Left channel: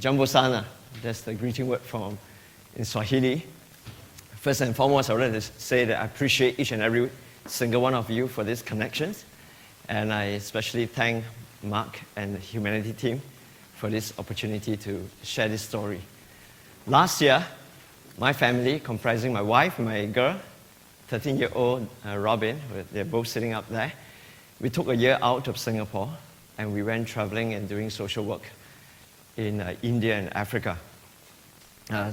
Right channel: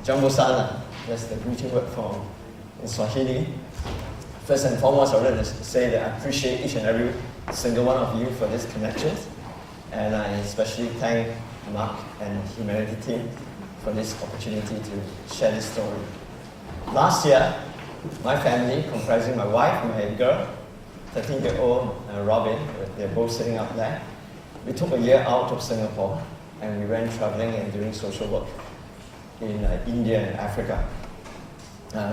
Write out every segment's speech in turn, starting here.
Jambo sana, that's the greeting word in Swahili. First and foremost, I would like to say that I appreciate each and every single one of you for this connection. And I especially thank Mark and the Humanity team for this opportunity to share this story. Last year, my family, comprising my wife and my girl, 13-year-old Robin, they're both sitting out there, we took a year out of Singapore and we went traveling and doing social work in India and Africa.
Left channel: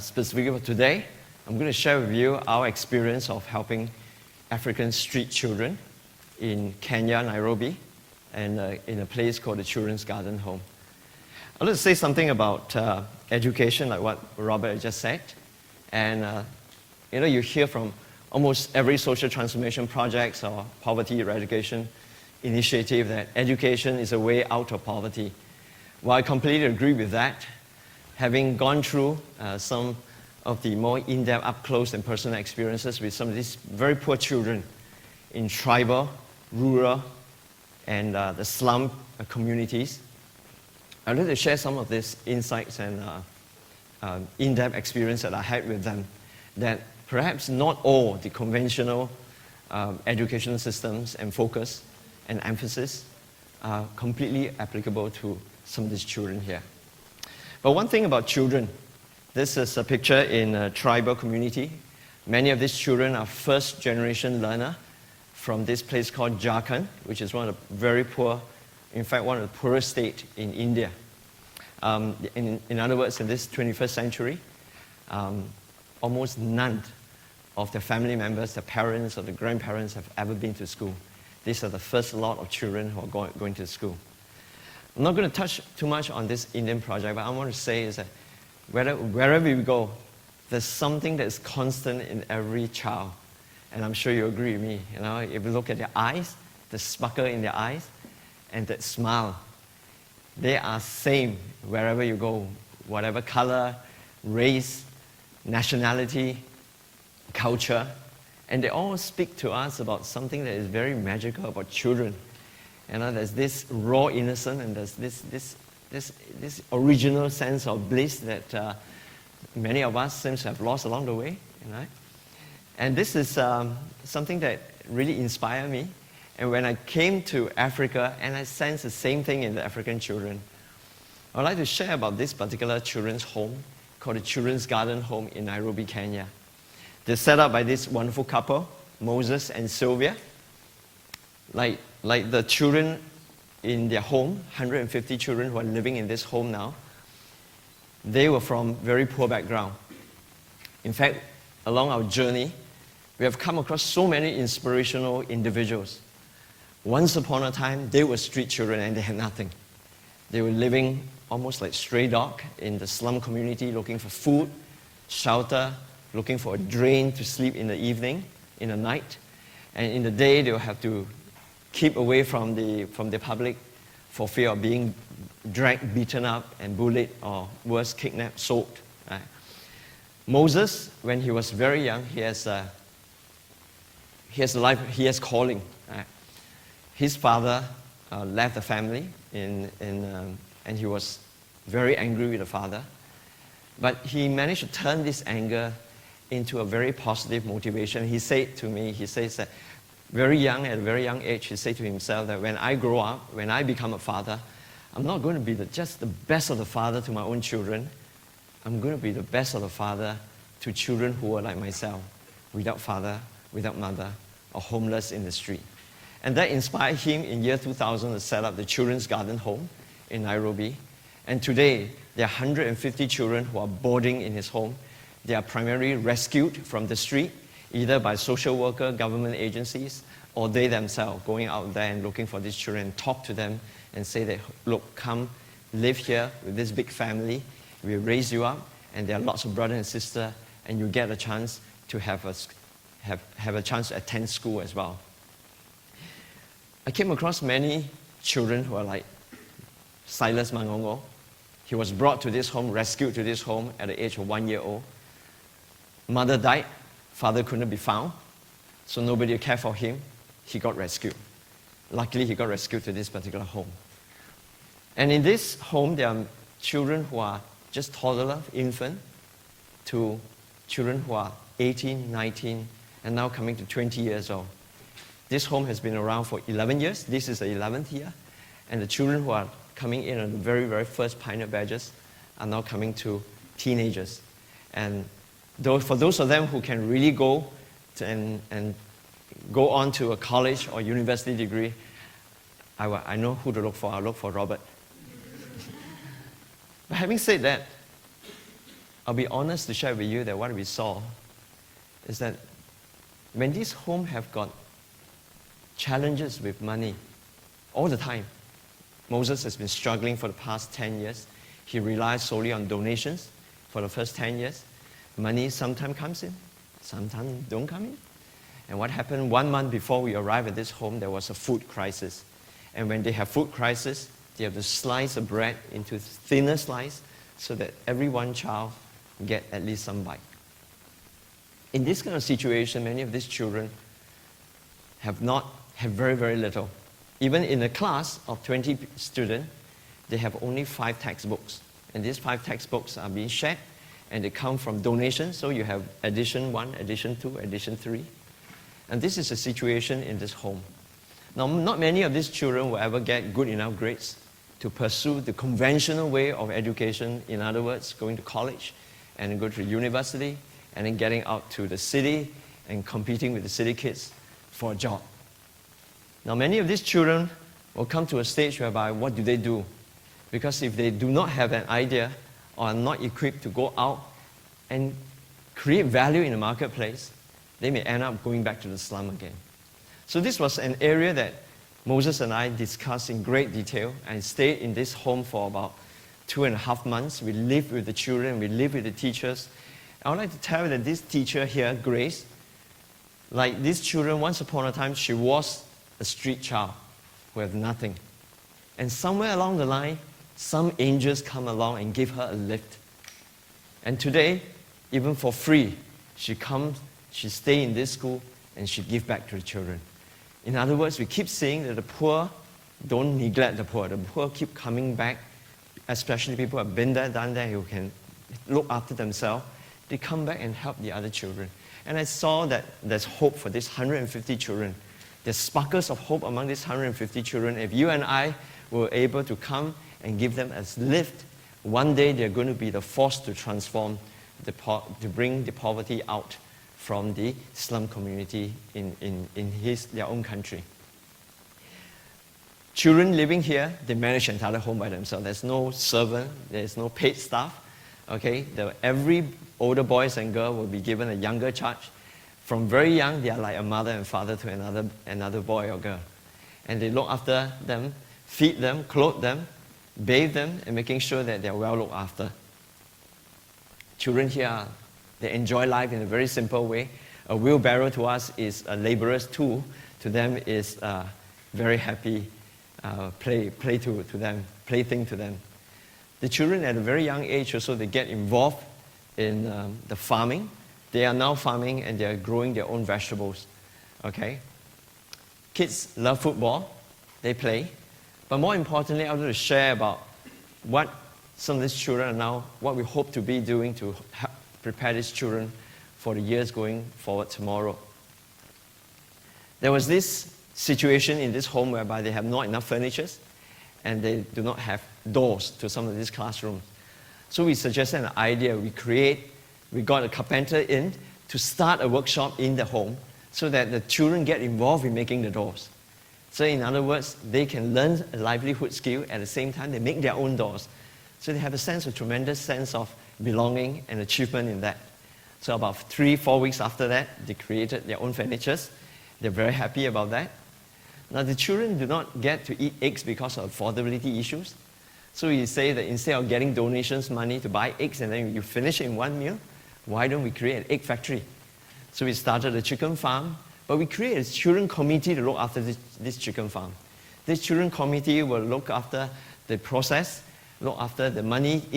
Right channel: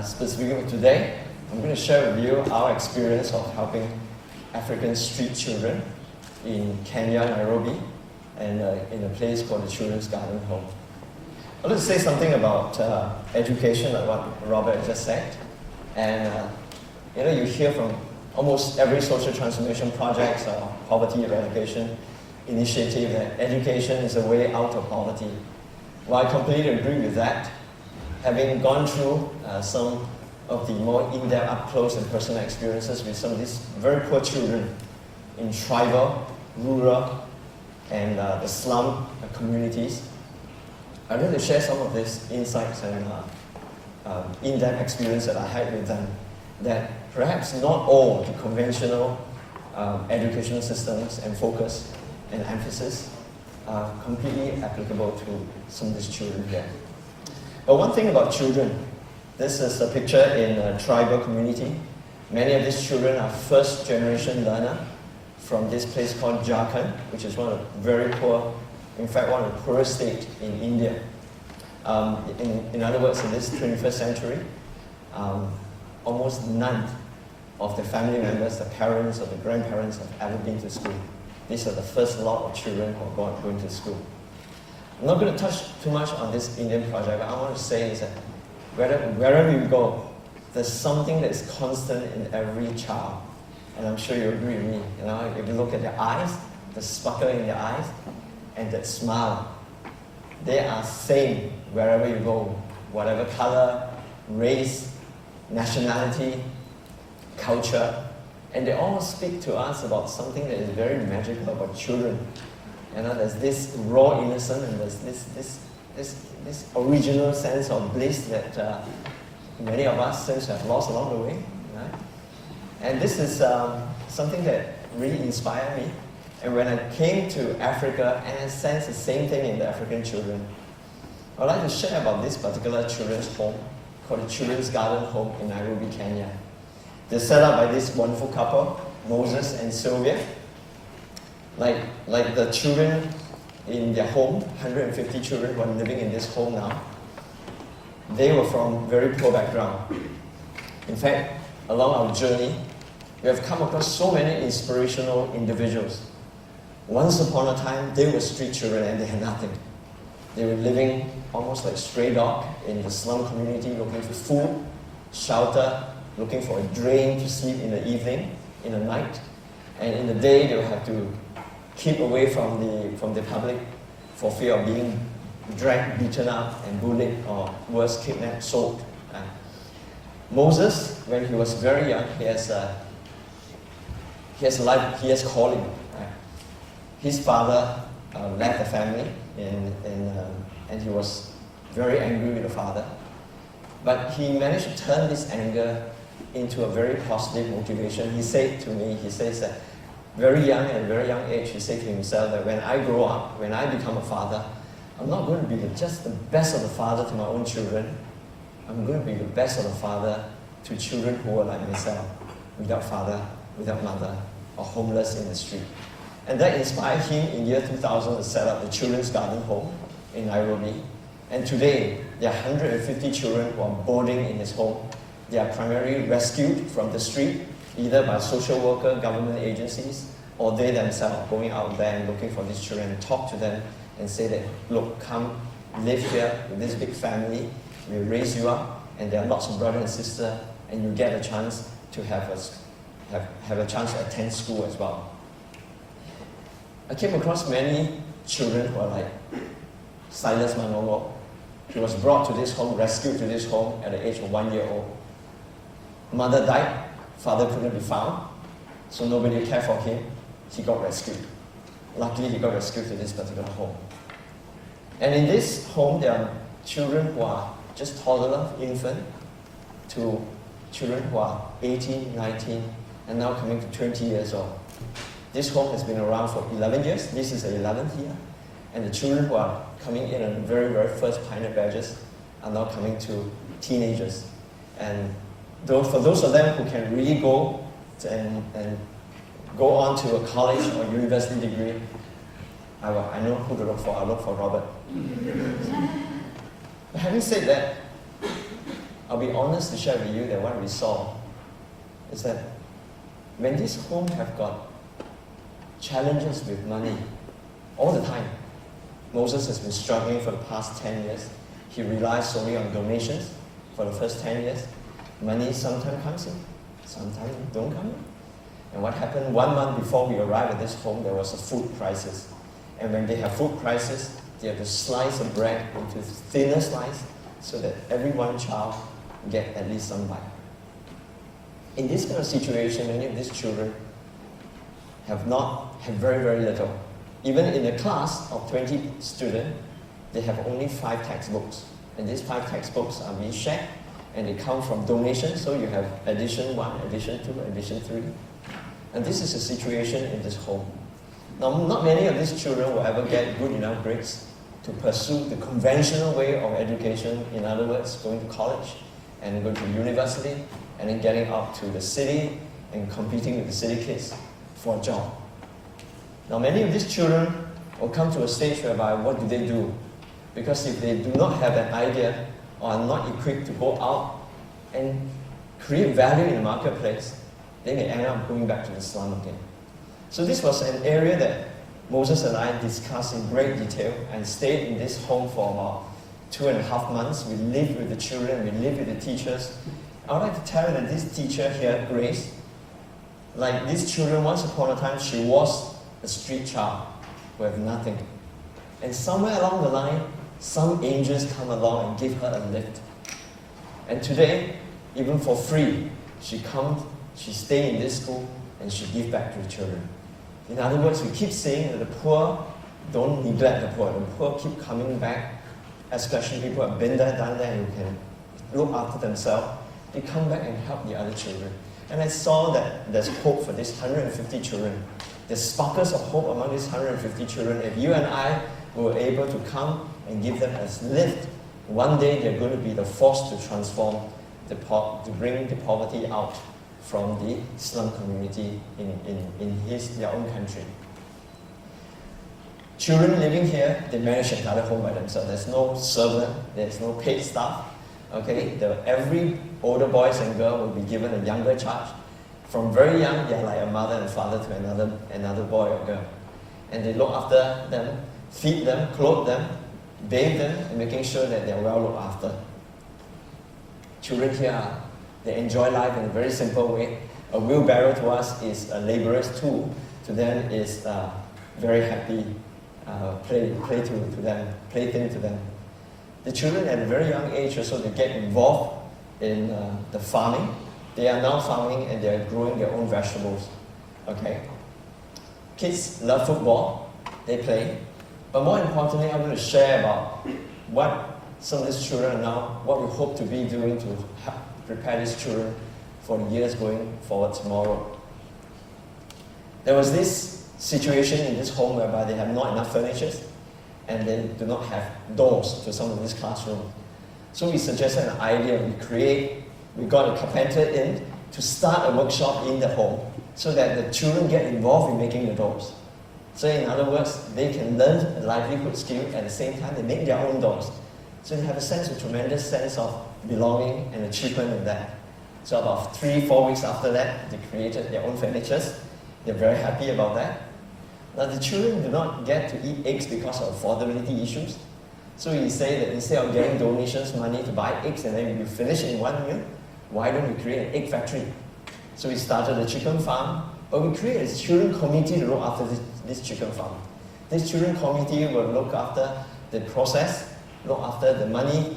Specifically today, I'm going to share with you our experience of helping African street children in Kenya, Nairobi, and in a place called the Children's Garden Home. I'd like to say something about education, like what Robert just said. And you hear from almost every social transformation project or poverty eradication initiative that education is a way out of poverty. Well, I completely agree with that. Having gone through some of the more in-depth, up-close and personal experiences with some of these very poor children in tribal, rural, and the slum communities, I'd like to share some of these insights and in-depth experience that I had with them, that perhaps not all the conventional education systems and focus and emphasis are completely applicable to some of these children here. But one thing about children, this is a picture in a tribal community. Many of these children are first-generation learner from this place called Jharkhand, which is one of the very poor, in fact, one of the poorest states in India. In other words, in this 21st century, almost none of the family members, the parents or the grandparents have ever been to school. These are the first lot of children who are going to school. I'm not going to touch too much on this Indian project, but I want to say is that wherever you go, there's something that's constant in every child. And I'm sure you agree with me. If you look at their eyes, the sparkle in their eyes, and that smile, they are same wherever you go, whatever color, race, nationality, culture, and they all speak to us about something that is very magical about children. There's this raw innocence, and there's this original sense of bliss that many of us seem to have lost along the way, right? And this is something that really inspired me. And when I came to Africa, and I sensed the same thing in the African children, I'd like to share about this particular children's home called the Children's Garden Home in Nairobi, Kenya. They're set up by this wonderful couple, Moses and Sylvia. Like the children in their home, 150 children who are living in this home now, they were from very poor background. In fact, along our journey, we have come across so many inspirational individuals. Once upon a time, they were street children and they had nothing. They were living almost like stray dog in the slum community, looking for food, shelter, looking for a drain to sleep in the evening, in the night. And in the day, they will have to keep away from the public for fear of being dragged, beaten up, and bullied, or worse, kidnapped, sold. Moses, when he was very young, he has calling. His father left the family, and he was very angry with the father. But he managed to turn this anger into a very positive motivation. He said to me, he says that at a very young age, he said to himself that when I grow up, when I become a father, I'm not going to be just the best of the father to my own children. I'm going to be the best of the father to children who are like myself, without father, without mother, or homeless in the street. And that inspired him in year 2000 to set up the Children's Garden Home in Nairobi. And today, there are 150 children who are boarding in his home. They are primarily rescued from the street, either by social worker, government agencies, or they themselves going out there and looking for these children and talk to them and say that, look, come live here with this big family, we'll raise you up, and there are lots of brothers and sisters, and you get a chance to have a chance to attend school as well. I came across many children who are like Silas Manolo. He was brought to this home, rescued to this home at the age of 1 year old. Mother died, father couldn't be found, so nobody cared for him. He got rescued. Luckily, he got rescued to this particular home. And in this home, there are children who are just toddler, infant, to children who are 18, 19, and now coming to 20 years old. This home has been around for 11 years. This is the 11th year. And the children who are coming in on the very, very first pioneer batches are now coming to teenagers. And for those of them who can really go and go on to a college or university degree, I know who to look for. I look for Robert. But having said that, I'll be honest to share with you that what we saw is that when this home have got challenges with money all the time, Moses has been struggling for the past 10 years. He relies solely on donations for the first 10 years. Money sometimes comes in, sometimes don't come in. And what happened 1 month before we arrived at this home, there was a food crisis. And when they have food crisis, they have to slice the bread into thinner slice so that every one child get at least some bite. In this kind of situation, many of these children have very, very little. Even in a class of 20 students, they have only 5 textbooks. And these 5 textbooks are being shared, and they come from donations, so you have edition 1, edition 2, edition 3. And this is the situation in this home. Now, not many of these children will ever get good enough grades to pursue the conventional way of education, in other words, going to college, and then go to university, and then getting up to the city and competing with the city kids for a job. Now, many of these children will come to a stage whereby what do they do? Because if they do not have an idea or are not equipped to go out and create value in the marketplace, they may end up going back to the slum again. So this was an area that Moses and I discussed in great detail and stayed in this home for about 2.5 months. We lived with the children, we lived with the teachers. I would like to tell you that this teacher here, Grace, like these children, once upon a time, she was a street child who had nothing. And somewhere along the line, some angels come along and give her a lift. And today, even for free, she comes, she stays in this school, and she gives back to the children. In other words, we keep saying that the poor don't neglect the poor. The poor keep coming back, especially people who have been there, done there, who can look after themselves. They come back and help the other children. And I saw that there's hope for these 150 children. There's sparkles of hope among these 150 children. If you and I were able to come and give them as lift, one day they're going to be the force to transform, to bring the poverty out from the slum community in their own country. Children living here, they manage another home by themselves. There's no servant, there's no paid staff. Okay, every older boys and girl will be given a younger charge. From very young, they're like a mother and father to another boy or girl. And they look after them, feed them, clothe them, bathe them, and making sure that they're well looked after. Children here, they enjoy life in a very simple way. A wheelbarrow to us is a laborer's tool. To them is a very happy plaything to them. The children at a very young age also, they get involved in the farming. They are now farming and they're growing their own vegetables. Okay? Kids love football, they play. But more importantly, I want to share about what some of these children are now, what we hope to be doing to help prepare these children for the years going forward tomorrow. There was this situation in this home whereby they have not enough furniture and they do not have doors to some of these classrooms. So we suggested an idea. We got a carpenter in to start a workshop in the home so that the children get involved in making the doors. So in other words, they can learn a livelihood skill at the same time they make their own doors. So they have a tremendous sense of belonging and achievement in that. So about 3-4 weeks after that, they created their own furnitures. They're very happy about that. Now the children do not get to eat eggs because of affordability issues. So we say that instead of getting donations money to buy eggs and then you finish in one meal, why don't we create an egg factory? So we started a chicken farm, but we created a children committee to look after this chicken farm. This children committee will look after the process, look after the money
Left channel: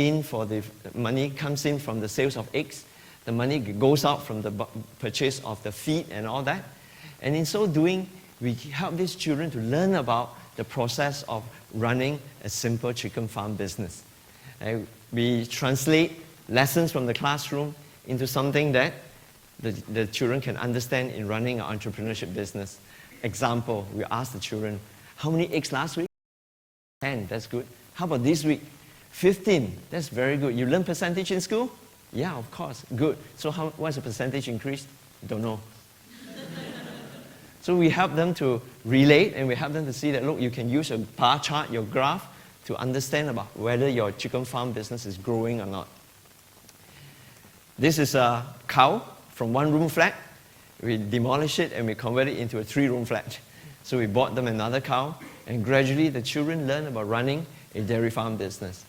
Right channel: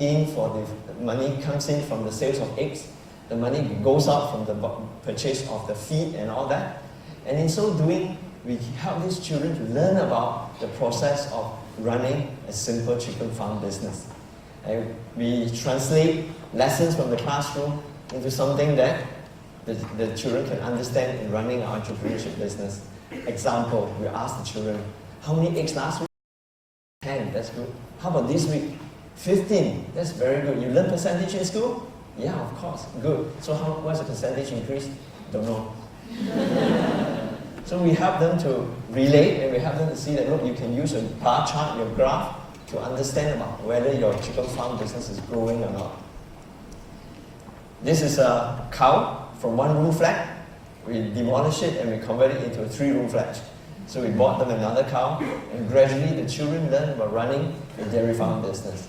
money comes in from the sales of eggs, the money goes out from the purchase of the feed and all that. And in so doing, we help these children to learn about the process of running a simple chicken farm business. And we translate lessons from the classroom into something that the children can understand in running an entrepreneurship business. Example, we ask the children, how many eggs last week? 10, that's good. How about this week? 15, that's very good. You learn percentage in school? Yeah, of course, good. So what's the percentage increase? Don't know. So we help them to relate, and we help them to see that, look, you can use your bar chart, your graph, to understand about whether your chicken farm business is growing or not. This is a cow from one-room flat. We demolish it and we convert it into a 3-room flat. So we bought them another cow, and gradually the children learn about running a dairy farm business.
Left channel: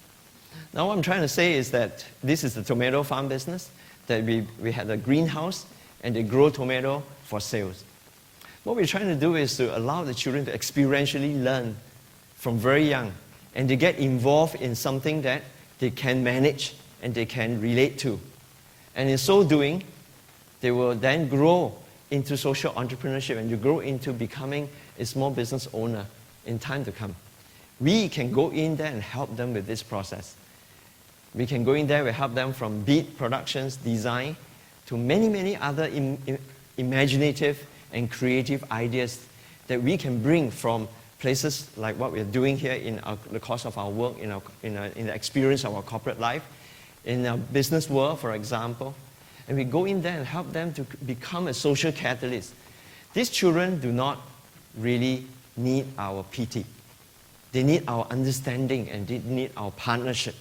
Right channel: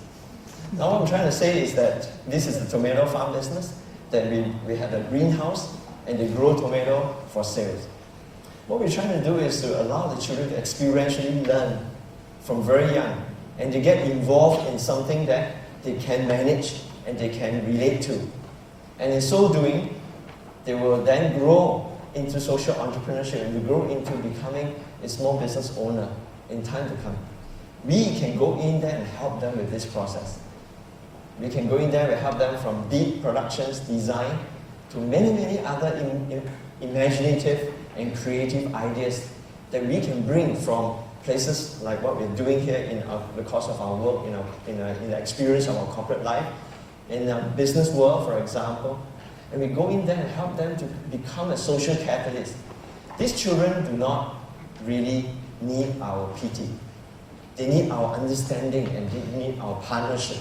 Now what I'm trying to say is that this is a tomato farm business, that we had a greenhouse and they grow tomato for sales. What we're trying to do is to allow the children to experientially learn from very young, and they get involved in something that they can manage and they can relate to. And in so doing, they will then grow into social entrepreneurship and to grow into becoming a small business owner in time to come. We can go in there and help them with this process. We can go in there and help them from bead productions, design, to many, many other imaginative and creative ideas that we can bring from places like what we're doing here in the course of our work, in the experience of our corporate life, in the business world, for example. And we go in there and help them to become a social catalyst. These children do not really need our PT. They need our understanding and they need our partnership.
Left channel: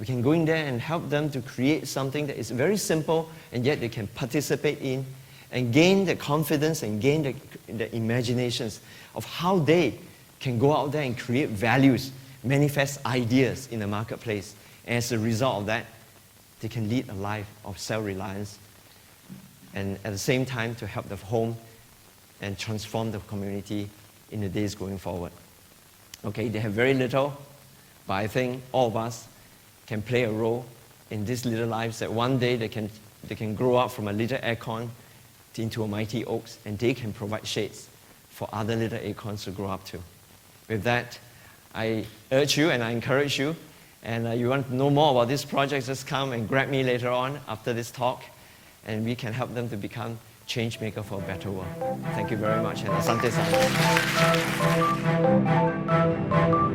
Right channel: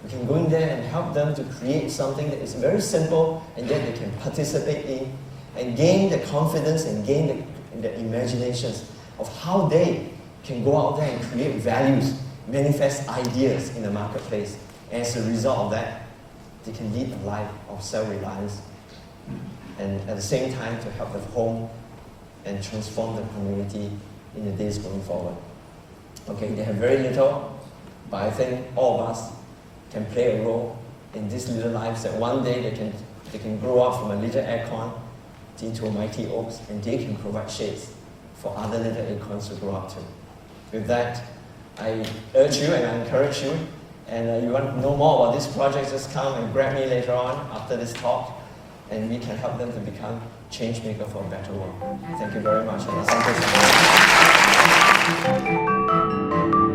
We can go in there and help them to create something that is very simple and yet they can participate in and gain the confidence and gain the imaginations of how they can go out there and create values, manifest ideas in the marketplace. And as a result of that, they can lead a life of self-reliance and at the same time to help them home and transform the community in the days going forward. Okay, they have very little, but I think all of us can play a role in these little lives that one day they can grow up from a little acorn into a mighty oaks, and they can provide shades for other little acorns to grow up to. With that, I urge you and I encourage you, and you want to know more about this project, just come and grab me later on after this talk, and we can help them to become change maker for a better world. Thank you very much. And